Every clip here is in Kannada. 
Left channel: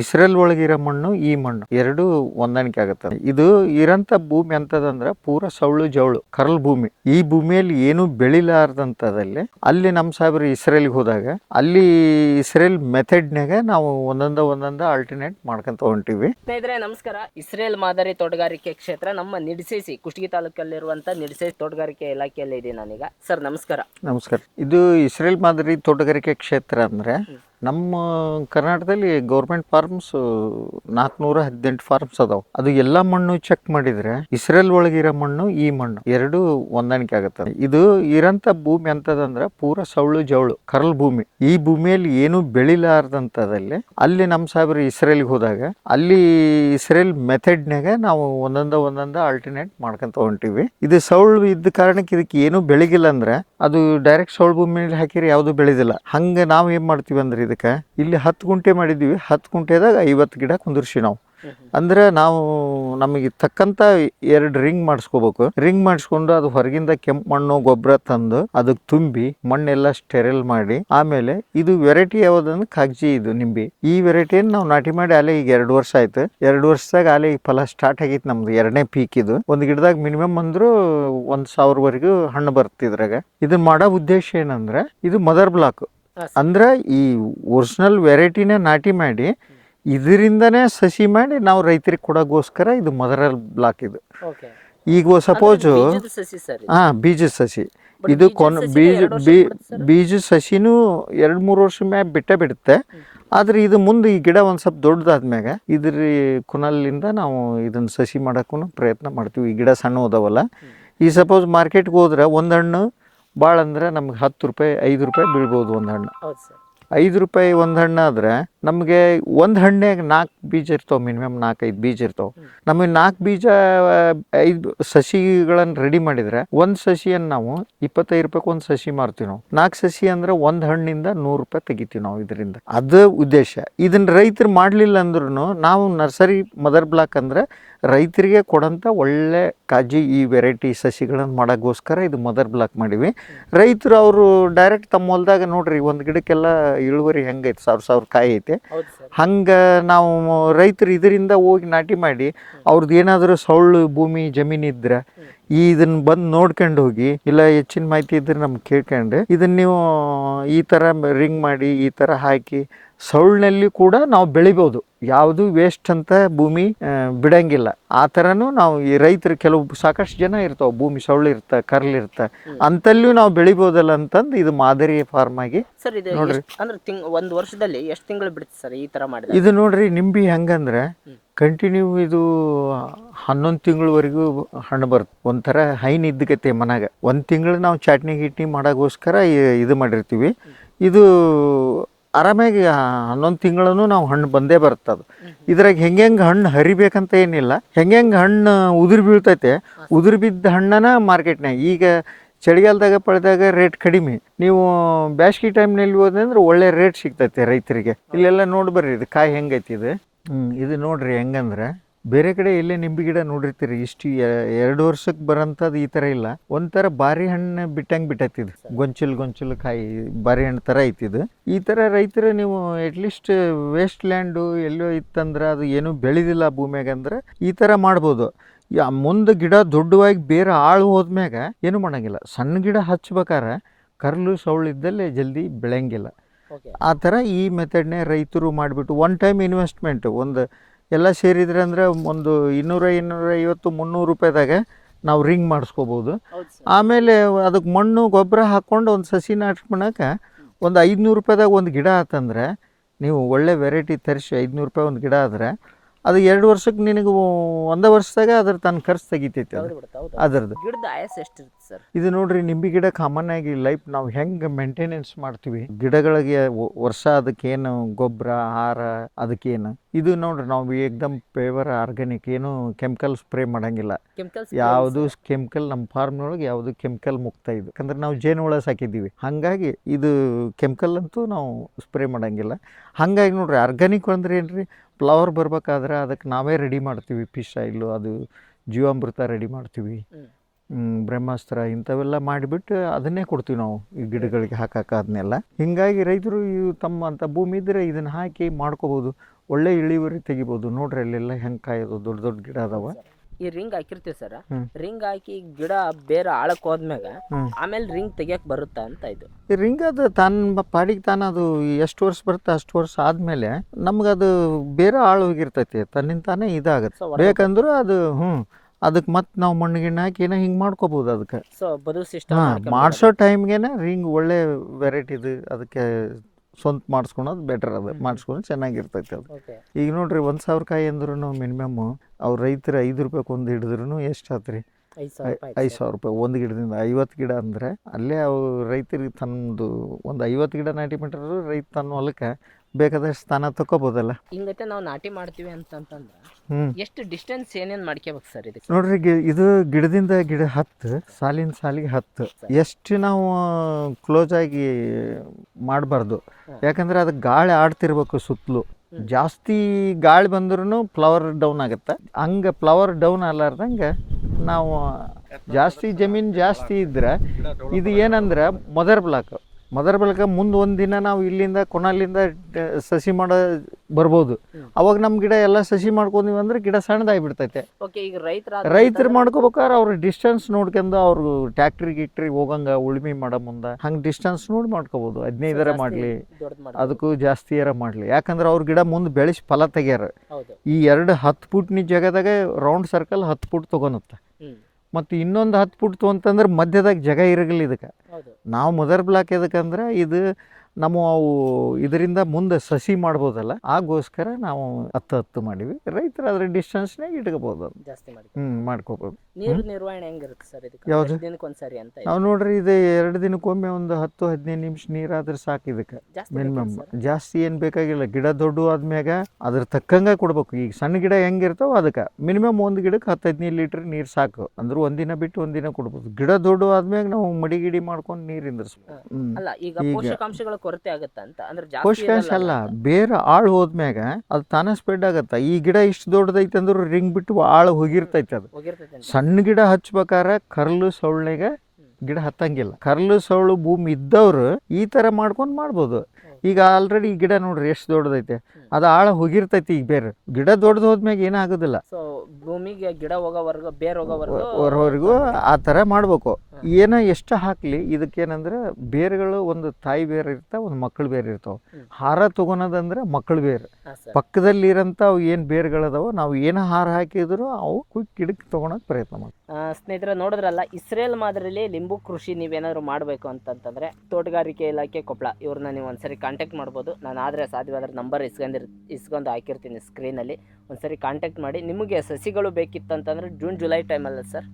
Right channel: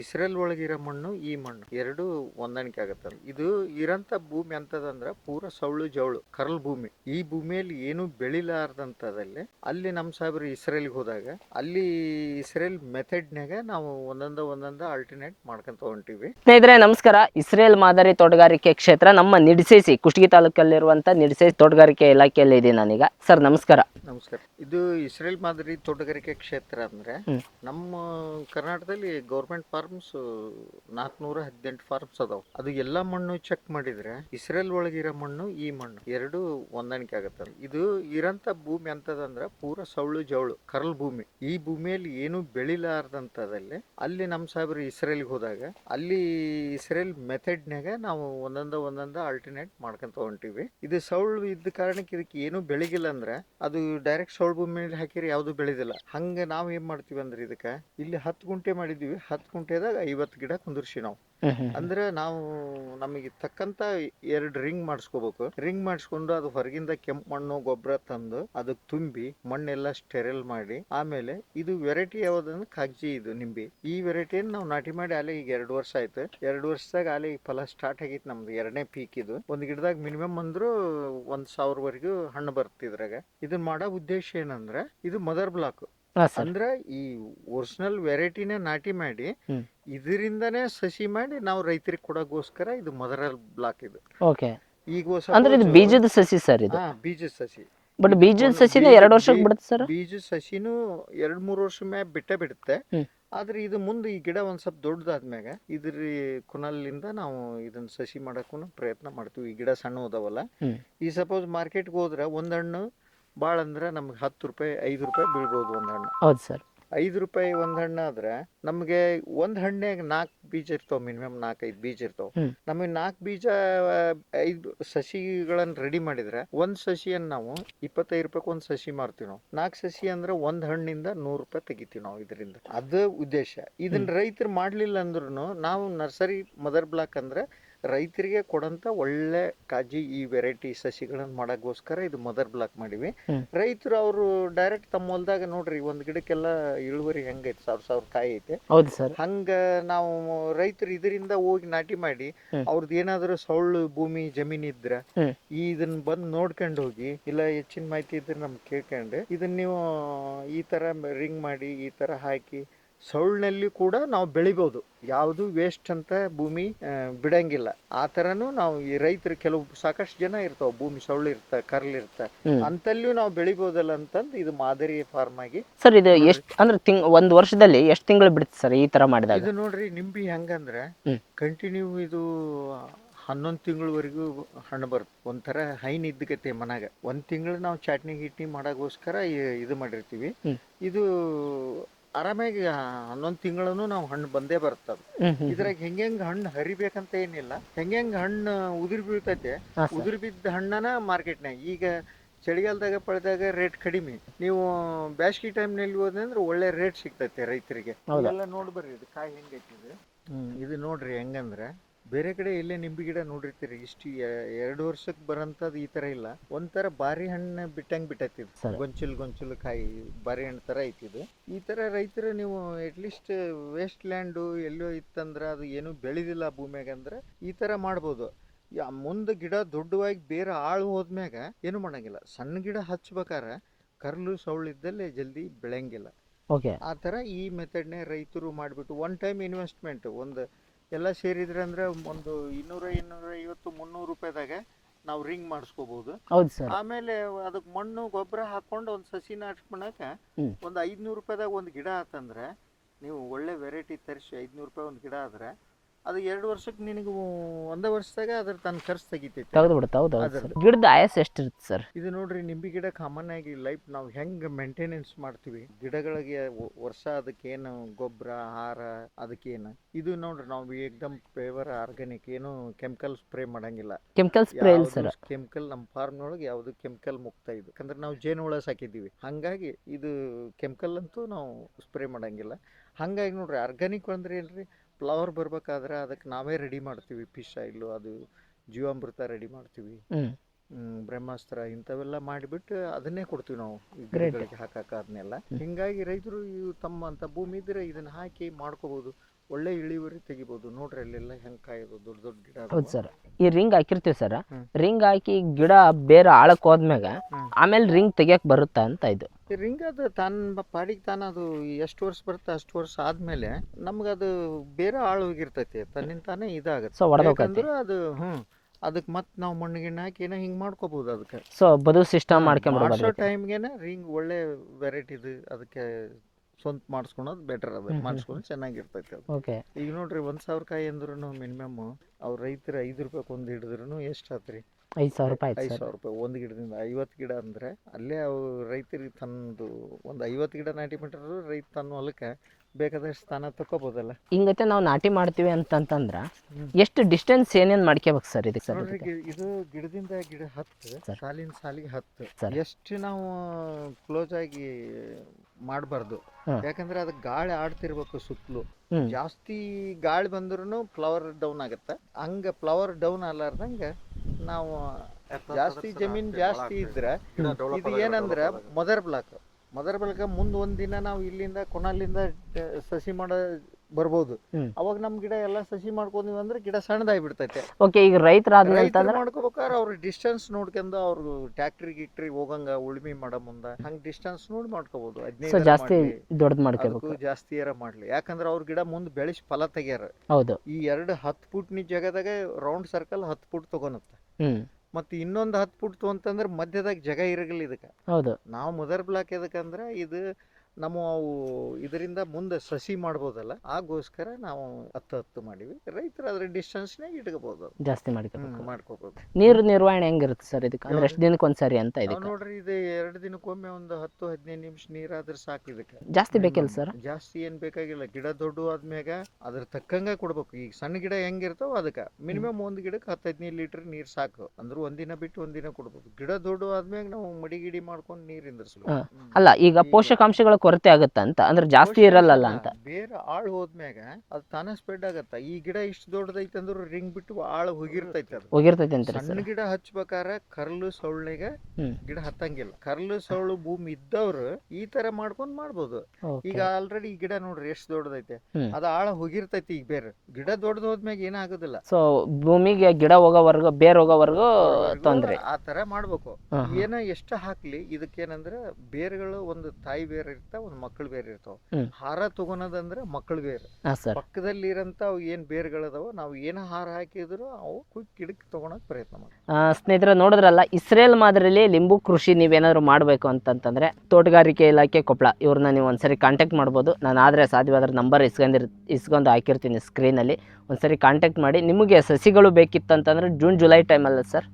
ಇಸ್ರೇಲ್ ಒಳಗಿರೋ ಮಣ್ಣು ಈ ಮಣ್ಣು ಎರಡು ಹೊಂದಾಣಿಕೆ ಆಗುತ್ತೆ. ಇದು ಇರಂತ ಭೂಮಿ ಅಂತದಂದ್ರ ಪೂರ ಸೌಳು ಜವಳು ಕರಲ್ ಭೂಮಿ. ಈ ಭೂಮಿಯಲ್ಲಿ ಏನು ಬೆಳಿಲಾರ್ದಂಥದ್ದಲ್ಲಿ ಅಲ್ಲಿ ನಮ್ಮ ಸಾಹೇಬ್ರು ಇಸ್ರೇಲ್ಗೆ ಹೋದಾಗ ಅಲ್ಲಿ ಇಸ್ರೇಲ್ ಮೆಥಡ್ನಾಗ ನಾವು ಒಂದೊಂದ ಒಂದೊಂದ ಆಲ್ಟರ್ನೇಟ್ ಮಾಡ್ಕೊಂತ ಹೊಂಟಿವಿ. ಸ್ನೇಹಿತರೆ ನಮಸ್ಕಾರ. ಇಸ್ರೇಲ್ ಮಾದರಿ ತೋಟಗಾರಿಕೆ ಕ್ಷೇತ್ರ ನಮ್ಮ ನಿಡಿಸೇಸಿ ಕುಷ್ಟಗಿ ತಾಲೂಕಲ್ಲಿರುವಂತ ನಿಡಿಸೇಸಿ ತೋಟಗಾರಿಕೆ ಇಲಾಖೆಯಲ್ಲಿ ಇದೆ ನಾನೀಗ. ಸರ್ ನಮಸ್ಕಾರ. ನಮಸ್ಕಾರ. ಇದು ಇಸ್ರೇಲ್ ಮಾದರಿ ತೋಟಗಾರಿಕೆ ಕ್ಷೇತ್ರ ಅಂದ್ರೆ ನಮ್ಮ ಕರ್ನಾಟಕದಲ್ಲಿ ಗೌರ್ಮೆಂಟ್ ಫಾರ್ಮ್ಸ್ ನಾಲ್ಕುನೂರ ಹದಿನೆಂಟು ಫಾರ್ಮ್ಸ್ ಅದಾವ. ಅದು ಎಲ್ಲ ಮಣ್ಣು ಚೆಕ್ ಮಾಡಿದ್ರೆ ಇಸ್ರೇಲ್ ಒಳಗಿರೋ ಮಣ್ಣು, ಈ ಮಣ್ಣು ಎರಡು ಹೊಂದಾಣಿಕೆ ಆಗುತ್ತೆ. ಇದು ಇರಂತ ಭೂಮಿ ಅಂತದಂದ್ರೆ ಪೂರ ಸೌಳು ಜವಳು ಕರಲ್ ಭೂಮಿ. ಈ ಭೂಮಿಯಲ್ಲಿ ಏನು ಬೆಳಿಲಾರ್ದಂಥದ್ದಲ್ಲಿ ಅಲ್ಲಿ ನಮ್ಮ ಸಾಹೇಬರು ಇಸ್ರೇಲ್ಗೆ ಹೋದಾಗ ಅಲ್ಲಿ ಇಸ್ರೇಲ್ ಮೆಥಡ್ನಾಗ ನಾವು ಒಂದೊಂದ ಒಂದೊಂದ ಆಲ್ಟರ್ನೇಟ್ ಮಾಡ್ಕೊಂತ ಹೊಂಟಿವಿ. ಇದು ಸೌಳು ಇದ್ದ ಕಾರಣಕ್ಕೆ ಇದಕ್ಕೆ ಏನು ಬೆಳಗಿಲ್ಲ ಅಂದ್ರೆ ಅದು ಡೈರೆಕ್ಟ್ ಸೌಳು ಭೂಮಿ ಮೇಲೆ ಹಾಕಿದ್ರೆ ಯಾವುದು ಬೆಳೆದಿಲ್ಲ. ಹಂಗೆ ನಾವು ಏನು ಮಾಡ್ತೀವಿ ಅಂದ್ರೆ ಇದಕ್ಕೆ ಇಲ್ಲಿ ಹತ್ತು ಗುಂಟೆ ಮಾಡಿದ್ದೀವಿ. ಹತ್ತು ಗುಂಟೆದಾಗ ಐವತ್ತು ಗಿಡ ಕುಂದಿರ್ಸಿ ನಾವು. ಅಂದ್ರೆ ನಾವು ನಮಗೆ ತಕ್ಕಂತ ಎರಡು ರಿಂಗ್ ಮಾಡಿಸ್ಕೋಬೇಕು. ರಿಂಗ್ ಮಾಡಿಸ್ಕೊಂಡು ಅದು ಹೊರಗಿಂದ ಕೆಂಪು ಮಣ್ಣು ಗೊಬ್ಬರ ತಂದು ಅದಕ್ಕೆ ತುಂಬಿ ಮಣ್ಣೆಲ್ಲ ಸ್ಟೆರಲ್ ಮಾಡಿ ಆಮೇಲೆ ಇದು ವೆರೈಟಿ ಯಾವ್ದಂದ್ರೆ ಕಾಗಜಿ ಇದು ನಿಂಬೆ. ಈ ವೆರೈಟಿಯನ್ನು ನಾವು ನಾಟಿ ಮಾಡಿ ಅಲೆ ಈಗ ಎರಡು ವರ್ಷ ಆಯ್ತು. ಎರಡು ವರ್ಷದಾಗ ಅಲ್ಲೇ ಈಗ ಫಲ ಸ್ಟಾರ್ಟ್ ಆಗೈತೆ ನಮ್ದು ಎರಡನೇ ಪೀಕ್ ಇದು. ಒಂದು ಗಿಡದಾಗ ಮಿನಿಮಮ್ ಅಂದ್ರೂ ಒಂದ್ ಸಾವಿರವರೆಗೂ ಹಣ್ಣು ಬರ್ತಿದ್ರಾಗ ಇದನ್ನ ಮಾಡೋ ಉದ್ದೇಶ ಏನಂದ್ರೆ ಇದು ಮದರ್ ಬ್ಲಾಕ್ ಅಂದ್ರ ಈ ಒರಿಜಿನಲ್ ವೆರೈಟಿನ ನಾಟಿ ಮಾಡಿ. ಇದರಿಂದನೇ ಸಸಿ ಮಾಡಿ ನಾವು ರೈತರಿಗೆ ಕೊಡೋಗೋಸ್ಕರ ಇದು ಮದರಲ್ ಬ್ಲಾಕ್ ಇದು. ಓಕೆ. ಈಗ ಸಪೋಸ್ ಬೀಜದ ಸಸಿ ಸರ್ ಹಾ ಬೀಜದ ಸಸಿ. ಇದು ಬೀಜ- ಸಸಿನೂ ಎರಡ್ ಮೂರ್ ವರ್ಷ ಮ್ಯಾಗ ಬಿಟ್ಟೆ ಬಿಡುತ್ತೆ. ಆದ್ರೆ ಇದು ಮುಂದೆ ಈ ಗಿಡ ಒಂದ್ ಸ್ವಲ್ಪ ದೊಡ್ಡದಾದ್ಮ್ಯಾಗ ಇದ್ರ ಕುನಲ್ಲಿಂದ ನಾವು ಇದನ್ನ ಸಸಿ ಮಾಡಕ್ಕೂ ಪ್ರಯತ್ನ ಮಾಡ್ತೀವಿ. ಈ ಗಿಡ ಸಣ್ಣ ಹೋದವಲ್ಲ ಈ ಸಪೋಸ್ ಮಾರ್ಕೆಟ್ಗೆ ಹೋದ್ರೆ ಒಂದ್ ಹಣ್ಣು ಭಾಳ ಅಂದರೆ ನಮ್ಗೆ ಹತ್ತು ರೂಪಾಯಿ ಐದು ರೂಪಾಯಿ ಬೀಳ್ಬೋದು ಒಂದು ಹಣ್ಣು. ಹೌದು ಸರ್. ಐದು ರೂಪಾಯಿ ಒಂದು ಹಣ್ಣು ಆದರೆ ನಮಗೆ ಒಂದು ಹಣ್ಣಿಗೆ ನಾಲ್ಕು ಬೀಜ ಇರ್ತಾವೆ ಮಿನಿಮಮ್ ನಾಲ್ಕೈದು ಬೀಜ ಇರ್ತಾವೆ. ನಮಗೆ ನಾಲ್ಕು ಬೀಜ ಐದು ಸಸಿಗಳನ್ನು ರೆಡಿ ಮಾಡಿದ್ರೆ ಒಂದು ಸಸಿಯನ್ನು ನಾವು ಇಪ್ಪತ್ತೈದು ರೂಪಾಯಿ ಒಂದು ಸಸಿ ಮಾರ್ತೀವಿ ನಾವು. ನಾಲ್ಕು ಸಸಿ ಅಂದ್ರೆ ಒಂದು ಹಣ್ಣಿಂದ ನೂರು ರೂಪಾಯಿ ತೆಗಿತೀವಿ ನಾವು ಇದರಿಂದ. ಅದು ಉದ್ದೇಶ. ಇದನ್ನ ರೈತರು ಮಾಡಲಿಲ್ಲ ಅಂದ್ರೂ ನಾವು ನರ್ಸರಿ ಮದರ್ ಬ್ಲಾಕ್ ಅಂದ್ರೆ ರೈತರಿಗೆ ಕೊಡಂತ ಒಳ್ಳೆ ಕಾಜಿ ಈ ವೆರೈಟಿ ಸಸಿಗಳನ್ನು ಮಾಡೋಕ್ಕೋಸ್ಕರ ಇದು ಮದರ್ ಬ್ಲಾಕ್ ಮಾಡಿವಿ. ರೈತರು ಅವರು ಡೈರೆಕ್ಟ್ ತಮ್ಮ ಹೊಲದಾಗ ನೋಡ್ರಿ ಒಂದು ಗಿಡಕ್ಕೆಲ್ಲ ಇಳುವರಿ ಹೆಂಗೈತೆ ಸಾವಿರ ಸಾವಿರ ಕಾಯಿ ಐತೆ. ಹಂಗ ನಾವು ರೈತರು ಇದರಿಂದ ಹೋಗಿ ನಾಟಿ ಮಾಡಿ. ಅವ್ರದ್ದು ಏನಾದರೂ ಸೌಳು ಭೂಮಿ ಜಮೀನ್ ಇದ್ರೆ ಈ ಇದನ್ನ ಬಂದು ನೋಡ್ಕೊಂಡು ಹೋಗಿ ಇಲ್ಲ ಹೆಚ್ಚಿನ ಮಾಹಿತಿ ಇದ್ರೆ ನಮ್ಗೆ ಕೇಳ್ಕೊಂಡು ಇದನ್ನ ನೀವು ಈ ತರ ರಿಂಗ್ ಮಾಡಿ ಈ ತರ ಹಾಕಿ ಸೌಳ್ನಲ್ಲಿ ಕೂಡ ನಾವು ಬೆಳಿಬೋದು. ಯಾವುದು ವೇಸ್ಟ್ ಅಂತ ಭೂಮಿ ಬಿಡಂಗಿಲ್ಲ. ಆ ಥರನೂ ನಾವು ಈ ರೈತರು ಕೆಲವು ಸಾಕಷ್ಟು ಜನ ಇರ್ತಾವೆ. ಭೂಮಿ ಸೌಳು ಇರ್ತ ಕರ್ಲ್ ಇರ್ತ. ಹ್ಮ್. ಅಂತಲ್ಲೂ ನಾವು ಬೆಳಿಬೋದಲ್ಲ ಅಂತಂದು ಇದು ಮಾದರಿ ಫಾರ್ಮ್ ಆಗಿ ಸರ್ ಇದು ಅಂದ್ರೆ ತಿಂಗ್ ಒಂದು ವರ್ಷದಲ್ಲಿ ಎಷ್ಟು ತಿಂಗಳು ಬಿಡುತ್ತೆ ಸರ್ ಈ ತರ ಮಾಡಿದಾಗ? ಇದು ನೋಡ್ರಿ ನಿಂಬಿ ಹೆಂಗಂದ್ರೆ ಕಂಟಿನ್ಯೂ ಇದು ಹನ್ನೊಂದು ತಿಂಗಳವರೆಗೂ ಹಣ್ಣು ಬರುತ್ತೆ. ಒಂಥರ ಹೈನ್ ಇದ್ದಗತ್ತೆ ಮನಾಗ ಒಂದು ತಿಂಗಳು ನಾವು ಚಟ್ನಿ ಗಿಟ್ನಿ ಮಾಡೋಕ್ಕೋಸ್ಕರ ಇದು ಮಾಡಿರ್ತೀವಿ. ಇದು ಆರಾಮಾಗಿ ಹನ್ನೊಂದು ತಿಂಗಳೂ ನಾವು ಹಣ್ಣು ಬಂದೇ ಬರ್ತದೆ. ಇದ್ರಾಗ ಹೆಂಗೆ ಹಣ್ಣು ಹರಿಬೇಕಂತ ಏನಿಲ್ಲ. ಹೆಂಗೆ ಹಣ್ಣು ಉದುರು ಬೀಳ್ತೈತೆ. ಉದುರು ಬಿದ್ದ ಹಣ್ಣನ ಮಾರ್ಕೆಟ್ನಾಗ ಈಗ ಚಳಿಗಾಲದಾಗ ಪಡೆದಾಗ ರೇಟ್ ಕಡಿಮೆ. ನೀವು ಬ್ಯಾಸ್ಗಿ ಟೈಮ್ನಲ್ಲಿ ಹೋದಂದ್ರೆ ಒಳ್ಳೆ ರೇಟ್ ಸಿಗ್ತೈತೆ ರೈತರಿಗೆ. ಇಲ್ಲೆಲ್ಲ ನೋಡಿ ಬರ್ರಿ ಇದು ಕಾಯಿ ಹೆಂಗೈತಿ ಇದು? ಹ್ಮ್. ಇದು ನೋಡ್ರಿ ಹೆಂಗಂದ್ರೆ ಬೇರೆ ಕಡೆ ಎಲ್ಲೇ ನಿಂಬೆ ಗಿಡ ನೋಡಿರ್ತೀರಿ ಇಷ್ಟು ಎರಡು ವರ್ಷಕ್ಕೆ ಬರೋಂಥದ್ದು ಈ ಥರ ಇಲ್ಲ. ಒಂಥರ ಬಾರಿ ಹಣ್ಣು ಬಿಟ್ಟಂಗೆ ಬಿಟ್ಟೈತಿದು. ಗೊಂಚಲು ಗೊಂಚಲು ಕಾಯಿ ಬಾರಿ ಹಣ್ಣು ಥರ ಐತಿದು. ಈ ಥರ ರೈತರು ನೀವು ಅಟ್ಲೀಸ್ಟ್ ವೇಸ್ಟ್ ಲ್ಯಾಂಡು ಎಲ್ಲೋ ಇತ್ತಂದ್ರೆ ಅದು ಏನೂ ಬೆಳೆದಿಲ್ಲ ಭೂಮ್ಯಾಗ ಅಂದ್ರೆ ಈ ಥರ ಮಾಡ್ಬೋದು. ಮುಂದೆ ಗಿಡ ದೊಡ್ಡವಾಗಿ ಬೇರೆ ಆಳು ಹೋದ್ಮ್ಯಾಗ ಏನು ಮಾಡೋಂಗಿಲ್ಲ. ಸಣ್ಣ ಗಿಡ ಹಚ್ಬೇಕಾರೆ ಕರ್ಲು ಸೌಳಿದ್ದಲ್ಲಿ ಜಲ್ದಿ ಬೆಳೆಯಂಗಿಲ್ಲ. ಓಕೆ. ಆ ಥರ ಈ ಮೆಥಡ್ನೇ ರೈತರು ಮಾಡಿಬಿಟ್ಟು ಒನ್ ಟೈಮ್ ಇನ್ವೆಸ್ಟ್ಮೆಂಟ್ ಒಂದು ಎಲ್ಲ ಸೇರಿದ್ರೆ ಅಂದರೆ ಒಂದು ಇನ್ನೂರ ಇನ್ನೂರ ಐವತ್ತು ಮುನ್ನೂರು ರೂಪಾಯಿದಾಗ ನಾವು ರಿಂಗ್ ಮಾಡಿಸ್ಕೋಬೋದು ಆಮೇಲೆ ಅದಕ್ಕೆ ಮಣ್ಣು ಗೊಬ್ಬರ ಹಾಕ್ಕೊಂಡು ಒಂದು ಸಸಿ ನಾಟ್ಕೊಳಕ್ಕೆ. ಒಂದು ಐದುನೂರು ರೂಪಾಯಿದಾಗ ಒಂದು ಗಿಡ ಆತಂದ್ರೆ ನೀವು ಒಳ್ಳೆ ವೆರೈಟಿ ತರಿಸಿ ಐದುನೂರು ರೂಪಾಯಿ ಒಂದು ಗಿಡ ಆದ್ರೆ ಅದು ಎರಡು ವರ್ಷಕ್ಕೆ ನಿನಗೆ ಒಂದೇ ವರ್ಷದಾಗ ಅದ್ರ ತನ್ನ ಖರ್ಚು ತೆಗಿತೈತಿ. ತೆಗೆದು ಬಿಡುತ್ತೆ ಹೌದು. ಅದರದ್ದು. ಗಿಡದ ಆಯಸ್ ಎಷ್ಟಿರುತ್ತೆ ಸರ್? ಇದು ನೋಡ್ರಿ ನಿಂಬೆ ಗಿಡ ಕಾಮನ್ ಆಗಿ ಲೈಫ್ ನಾವು ಹೆಂಗೆ ಮೇಂಟೆನೆನ್ಸ್ ಮಾಡ್ತೀವಿ? ಗಿಡಗಳಿಗೆ ವರ್ಷ ಅದಕ್ಕೇನು ಗೊಬ್ಬರ ಆಹಾರ ಅದಕ್ಕೇನು? ಇದು ನೋಡ್ರಿ ನಾವು ಏಕ್ದಮ್ ಪೇವರ್ ಆರ್ಗಾನಿಕ್ ಏನು ಕೆಮಿಕಲ್ ಸ್ಪ್ರೇ ಮಾಡಂಗಿಲ್ಲ. ಕೆಮಿಕಲ್ಸ್ ಯಾವುದು ಕೆಮಿಕಲ್ ನಮ್ಮ ಫಾರ್ಮ್ನೊಳಗೆ ಯಾವುದು ಕೆಮಿಕಲ್ ಮುಕ್ತ ಇದು. ಯಾಕಂದ್ರೆ ನಾವು ಜೇನುಹುಳ ಸಾಕಿದ್ದೀವಿ. ಹಾಗಾಗಿ ಇದು ಕೆಮಿಕಲ್ ಅಂತೂ ನಾವು ಸ್ಪ್ರೇ ಮಾಡಂಗಿಲ್ಲ. ಹಾಗಾಗಿ ನೋಡ್ರಿ ಆರ್ಗಾನಿಕ್ ಅಂದ್ರೆ ಏನ್ರಿ? ಫ್ಲವರ್ ಬರ್ಬೇಕಾದ್ರೆ ಅದಕ್ಕೆ ನಾವೇ ರೆಡಿ ಮಾಡ್ತೀವಿ ಫಿಶ್ ಆಯಿಲು ಅದು ಜೀವಾಮೃತ ರೆಡಿ ಮಾಡ್ತೀವಿ. ಹ್ಮ್. ಹ್ಮ್, ಬ್ರಹ್ಮಾಸ್ತ್ರ ಇಂಥವೆಲ್ಲ ಮಾಡಿಬಿಟ್ಟು ಅದನ್ನೇ ಕೊಡ್ತೀವಿ ನಾವು ಈ ಗಿಡಗಳಿಗೆ ಹಾಕಕ್ಕೆ ಅದನ್ನೆಲ್ಲ ಹಿಂಗಾಗಿ ರೈತರು ಇವು ತಮ್ಮ ಅಂತ ಭೂಮಿ ಇದ್ರೆ ಇದನ್ನ ಹಾಕಿ ಮಾಡ್ಕೋಬಹುದು ಒಳ್ಳೆ ಇಳುವರಿ ತೆಗಿಬೋದು. ನೋಡ್ರಿ ಅಲ್ಲೆಲ್ಲ ಹೆಂಗೆ ಕಾಯೋದು ದೊಡ್ಡ ದೊಡ್ಡ ಗಿಡ ಅದಾವ. ಈ ರಿಂಗ್ ಹಾಕಿರ್ತೀವಿ ಸರ್ ರಿಂಗ್ ಹಾಕಿ ಗಿಡ ಬೇರೆ ಆಳಕ್ಕೆ ಹೋದ್ಮ್ಯಾಗ ಆಮೇಲೆ ರಿಂಗ್ ತೆಗಿಯಕ್ ಬರುತ್ತ ಅಂತ ಇದು. ಈ ರಿಂಗ್ ಅದು ತನ್ನ ಪಾಡಿಗೆ ತಾನ ಅದು ಎಷ್ಟು ವರ್ಷ ಬರುತ್ತೆ ಅಷ್ಟು ವರ್ಷ ಆದ್ಮೇಲೆ ನಮ್ಗದು ಬೇರೆ ಆಳು ಹೋಗಿರ್ತೈತಿ ತನ್ನಿಂದ ತಾನೇ ಇದಾಗತ್ತೆ. ಸೊ ಹೊಡೆದ ಅದು ಹ್ಞೂ ಅದಕ್ಕೆ ಮತ್ತೆ ನಾವು ಮಣ್ಣು ಗಿಣ್ಣು ಹಾಕಿ ಏನೋ ಹಿಂಗೆ ಮಾಡ್ಕೋಬೋದು ಅದಕ್ಕೆ. ಸೊ ಬದಲು ಸಿಸ್ಟಮ್ ಮಾಡ್ಕೊಂಡು ಮಾಡಿಸೋ ಟೈಮ್ಗೆನೆ ರಿಂಗ್ ಒಳ್ಳೆ ವೆರೈಟಿದು ಅದಕ್ಕೆ ಸ್ವಂತ ಮಾಡಿಸ್ಕೊಳೋದು ಬೆಟರ್ ಅದು. ಮಾಡಿಸ್ಕೊಂಡು ಚೆನ್ನಾಗಿರ್ತೈತೆ ಅದು. ಈಗ ನೋಡ್ರಿ ಒಂದು ಸಾವಿರ ಕಾಯಿ ಅಂದ್ರೂ ಮಿನಿಮಮ್ ಅವ್ರ ರೈತರು ಐದು ರೂಪಾಯಿ ಒಂದು ಹಿಡಿದ್ರು ಎಷ್ಟು ಆತ್ರಿ? ಐದು ಸಾವಿರ ರೂಪಾಯಿ ಐದು ಸಾವಿರ ರೂಪಾಯಿ. ಒಂದು ಗಿಡದಿಂದ ಐವತ್ತು ಗಿಡ ಅಂದ್ರೆ ಅಲ್ಲೇ ಅವು ರೈತರಿಗೆ ತಂದು ಒಂದು ಐವತ್ತು ಗಿಡ ನಾಟಿ ಮಾಡಿದ್ರು ರೈತ ತನ್ನ ಹೊಲಕ್ಕೆ ಬೇಕಾದಷ್ಟು ಸ್ಥಾನ ತಗೋಬೋದಲ್ಲ ಹಿಂಗತ್ತೆ ನಾವು ನಾಟಿ ಮಾಡ್ತೀವಿ ಅಂತಂತಂದ್ರ ಎಷ್ಟು ಡಿಸ್ಟೆನ್ಸ್ ಏನೇನ್ ಮಾಡ್ಕೋಬೇಕು ಸರ್ ಇದಕ್ಕೆ? ನೋಡ್ರಿ ಗಿ- ಇದು ಗಿಡದಿಂದ ಗಿಡ ಹತ್ತು ಸಾಲಿನ ಸಾಲಿಗೆ ಹತ್ತು. ಸರಿ. ಎಷ್ಟು ನಾವು ಕ್ಲೋಸ್ ಆಗಿ ಮಾಡಬಾರ್ದು. ಯಾಕಂದ್ರೆ ಅದು ಗಾಳಿ ಆಡ್ತಿರ್ಬೇಕು ಸುತ್ತಲೂ. ಹ್ಮ್. ಜಾಸ್ತಿ ಗಾಳಿ ಬಂದ್ರೂ ಫ್ಲವರ್ ಡೌನ್ ಆಗುತ್ತೆ. ಹಂಗೆ ಫ್ಲವರ್ ಡೌನ್ ಅಲ್ಲಾರ್ದಂಗೆ ನಾವು ಜಾಸ್ತಿ ಜಮೀನು ಜಾಸ್ತಿ ಇದ್ರೆ ಇದು ಏನಂದ್ರೆ ಮೊದರ್ ಬ್ಲಾಕ್ ಮದರ್ ಬೆಳಕ ಮುಂದೆ ಒಂದು ದಿನ ನಾವು ಇಲ್ಲಿಂದ ಕೊನಾಲಿಂದ ಸಸಿ ಮಾಡ ಬರ್ಬೋದು. ಅವಾಗ ನಮ್ಮ ಗಿಡ ಎಲ್ಲ ಸಸಿ ಮಾಡ್ಕೊಂಡಿವಿ ಅಂದ್ರೆ ಗಿಡ ಸಣ್ಣದಾಗಿಬಿಡ್ತೈತೆ. ಓಕೆ ಈಗ ರೈತರ ರೈತರು ಮಾಡ್ಕೋಬೇಕಾದ್ರೆ ಅವ್ರ ಡಿಸ್ಟೆನ್ಸ್ ನೋಡ್ಕೊಂಡು ಅವ್ರು ಟ್ಯಾಕ್ಟ್ರಿ ಗಿಟ್ರಿ ಹೋಗಂಗ ಉಳ್ಮೆ ಮಾಡೋ ಮುಂದೆ ಹಂಗೆ ಡಿಸ್ಟೆನ್ಸ್ ನೋಡಿ ಮಾಡ್ಕೋಬಹುದು ಹದಿನೈದರ ಮಾಡ್ಲಿ ಅದಕ್ಕೂ ಜಾಸ್ತಿ ಏರ ಮಾಡ್ಲಿ. ಯಾಕಂದ್ರೆ ಅವ್ರ ಗಿಡ ಮುಂದೆ ಬೆಳೆಸಿ ಫಲ ತೆಗ್ಯಾರ. ಹೌದು. ಈ ಎರಡು ಹತ್ತು ಫುಟ್ನಿ ಜಾಗದಾಗ ರೌಂಡ್ ಸರ್ಕಲ್ ಹತ್ತು ಫುಟ್ ತಗೊನುತ್ತೆ ಹ್ಮ್. ಮತ್ತು ಇನ್ನೊಂದು ಹತ್ತು ಫುಟ್ ಅಂತಂದ್ರೆ ಮಧ್ಯದಾಗ ಜಾಗ ಇರಗಿಲ್ಲ ಇದಕ್ಕೆ. ಹೌದು. ನಾವು ಮದರ್ ಬ್ಲಾಕ್ ಎದಕ್ಕಂದ್ರೆ ಇದು ನಮ್ಮ ಅವು ಇದರಿಂದ ಮುಂದೆ ಸಸಿ ಮಾಡ್ಬೋದಲ್ಲ ಆಗೋಸ್ಕರ ನಾವು ಹತ್ತು ಹತ್ತು ಮಾಡಿವಿ ರೈತರು ಅದ್ರ ಡಿಸ್ಟೆನ್ಸ್ನಾಗ ಇಟ್ಕೋಬಹುದು ಜಾಸ್ತಿ ಮಾಡಿ ಹ್ಮ್ ಮಾಡ್ಕೋಬಹುದು ನೀರು ನಿರ್ವಹಣೆ ಹೆಂಗಿರುತ್ತೆ ಸರ್ ಇದಕ್ಕೆ? ಎಷ್ಟು ದಿನಕ್ಕೆ ಒಂದ್ಸರಿ ಅಂತ ನಾವು ನೋಡ್ರಿ ಇದು ಎರಡು ದಿನಕ್ಕೊಮ್ಮೆ ಒಂದು ಹತ್ತು ಹದಿನೈದು ನಿಮಿಷ ನೀರಾದ್ರೆ ಸಾಕು ಇದಕ್ಕೆ. ಜಾಸ್ತಿ ಬೇಕಿಲ್ಲ ಸರ್? ಜಾಸ್ತಿ ಏನು ಬೇಕಾಗಿಲ್ಲ. ಗಿಡ ದೊಡ್ಡ ಆದ್ಮ್ಯಾಗ ಅದ್ರ ತಕ್ಕಂಗ ಕೊಡ್ಬೇಕು. ಈಗ ಸಣ್ಣ ಗಿಡ ಹೆಂಗಿರ್ತಾವ ಅದಕ್ಕೆ. ಮಿನಿಮಮ್ ಒಂದು ಗಿಡಕ್ಕೆ ಹತ್ತು ಹದಿನೈದು ಲೀಟ್ರ್ ನೀರು ಸಾಕು. ಅಂದ್ರೆ ಒಂದಿನ ಬಿಟ್ಟು ಒಂದಿನ ಕೊಡ್ಬೋದು. ಗಿಡ ದೊಡ್ಡ ಆದ್ಮ್ಯಾಗ ನಾವು ಮಡಿ ಗಿಡಿ ಮಾಡ್ಕೊಂಡು ನೀರು ಇಂದ್ರಿಸ್ಬೇಕು ಅಲ್ಲ ಈಗ- ಪೋಷಕಾಂಶಗಳ ಕೊರತೆ ಆಗುತ್ತ ಅಂತ? ಅಂದ್ರೆ ಜಾಸ್ತಿ ಇರಲ್ಲ ಅಲ್ಲ ಅಂತ. ಬೇರೆ ಆಳು ಹೋದ್ಮ್ಯಾಗ ಅದು ತಾನೇ ಸ್ಪ್ರೆಡ್ ಆಗತ್ತ. ಈ ಗಿಡ ಇಷ್ಟು ದೊಡ್ಡದೈತೆ ಅಂದ್ರೆ ರಿಂಗ್ ಬಿಟ್ಟು ಆಳು ಹೋಗಿರ್ತೈತೆ ಅದು. ಹೋಗಿರ್ತೈತೆ ಅಂತ ಸಣ್ಣ ಗಿಡ ಹಚ್ಬೇಕಾರ ಕರ್ಲು ಸೌಳ್ಳಿಗೆ ಹ್ಮ್. ಗಿಡ ಹತ್ತಂಗಿಲ್ಲ. ಕರ್ಲು ಸೌಳು ಭೂಮಿ ಇದ್ದವ್ರು ಈ ತರ ಮಾಡ್ಕೊಂಡ್ ಮಾಡ್ಬೋದು. Okay. ಈಗ ಆಲ್ರೆಡಿ ಈ ಗಿಡ ನೋಡ್ರಿ ಎಷ್ಟು ದೊಡ್ಡದೈತೆ. ಹ್ಮ್. ಅದು ಆಳ ಹೋಗಿರ್ತೈತಿ ಈಗ ಬೇರೆ. ಗಿಡ ದೊಡ್ಡದು ಹೋದ್ಮ್ಯಾಗ ಏನಾಗೋದಿಲ್ಲ ಸೊ ಭೂಮಿಗೆ ಗಿಡ ಹೋಗೋವರೆಗೂ ಬೇರ್ ಹೋಗೋವರೆಗೂ ತೊಂದ್ರೆ. ಆ ತರ ಮಾಡ್ಬೇಕು. ಏನ ಏನೋ ಎಷ್ಟು ಹಾಕ್ಲಿ ಇದಕ್ಕೇನಂದ್ರೆ ಬೇರುಗಳು ಒಂದು ತಾಯಿ ಬೇರೆ ಇರ್ತಾವ ಒಂದು ಮಕ್ಕಳು ಬೇರೆ ಇರ್ತಾವ. ಹಾರ ತಗೊಳೋದಂದ್ರೆ ಮಕ್ಕಳು ಬೇರೆ. ಹಾ ಸರ್. ಪಕ್ಕದಲ್ಲಿ ಇರಂತ ಅವು ಏನ್ ಬೇರ್ಗಳದಾವ ನಾವು ಏನ ಹಾರ ಹಾಕಿದ್ರು ಅವು ಕುಯ್ ಗಿಡಕ್ಕೆ ತಗೊಳಕ್ ಪ್ರಯತ್ನ ಮಾಡಿ ಸ್ನೇಹಿತರೆ ನೋಡಿದ್ರಲ್ಲ ಇಸ್ರೇಲ್ ಮಾದರಿಯಲ್ಲಿ ಲಿಂಬು ಕೃಷಿ ನೀವೇನಾದ್ರು ಮಾಡಬೇಕು ಅಂತಂತಂದ್ರೆ ತೋಟಗಾರಿಕೆ ಇಲಾಖೆ ಕೊಪ್ಪಳ ಇವ್ರನ್ನ ನೀವು ಒಂದ್ಸರಿ ಕಾಂಟ್ಯಾಕ್ಟ್ ಮಾಡ್ಬೋದು. ನಾನು ಆದರೆ ಸಾಧ್ಯವಾದ್ರೆ ನಂಬರ್ ಇಸ್ಕೊಂಡಿರ್ ಇಸ್ಕೊಂಡು ಹಾಕಿರ್ತೀನಿ ಸ್ಕ್ರೀನಲ್ಲಿ ಒಂದ್ಸರಿ ಕಾಂಟ್ಯಾಕ್ಟ್ ಮಾಡಿ. ನಿಮಗೆ ಸಸಿಗಳು ಬೇಕಿತ್ತಂತಂದ್ರೆ ಜೂನ್ ಜುಲೈ ಟೈಮಲ್ಲ ಸರ್?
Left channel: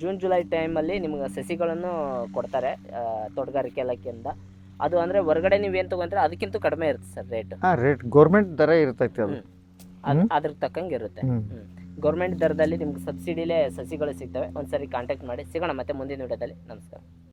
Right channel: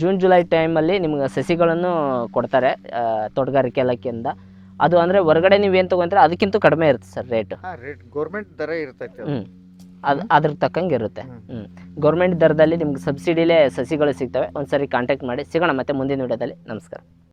ಜೂನ್ ಜುಲೈ ಟೈಮಲ್ಲಿ ನಿಮ್ಗೆ ಸಸಿಗಳನ್ನು ಕೊಡ್ತಾರೆ ತೋಟಗಾರಿಕೆ ಇಲಾಖೆಯಿಂದ. ಅದು ಅಂದ್ರೆ ಹೊರಗಡೆ ನೀವೇನು ತೊಗೊಂತೀರ ಅದಕ್ಕಿಂತ ಕಡಿಮೆ ಇರುತ್ತೆ ಸರ್ ರೇಟ್ ಹಾ ರೇಟ್ ಗೌರ್ಮೆಂಟ್ ದರ ಇರ್ತೈತಿ ಅದು. ಹ್ಮ್. ಅದು ಅದ್ರ ತಕ್ಕಂಗೆ ಇರುತ್ತೆ ಹ್ಮ್. ಗೌರ್ಮೆಂಟ್ ದರದಲ್ಲಿ ನಿಮ್ಗೆ ಸಬ್ಸಿಡಿಲೇ ಸಸಿಗಳು ಸಿಗ್ತವೆ. ಒಂದ್ಸರಿ ಕಾಂಟ್ಯಾಕ್ಟ್ ಮಾಡಿ. ಸಿಗೋಣ ಮತ್ತೆ ಮುಂದಿನ ವಿಡಿಯೋದಲ್ಲಿ. ನಮಸ್ಕಾರ.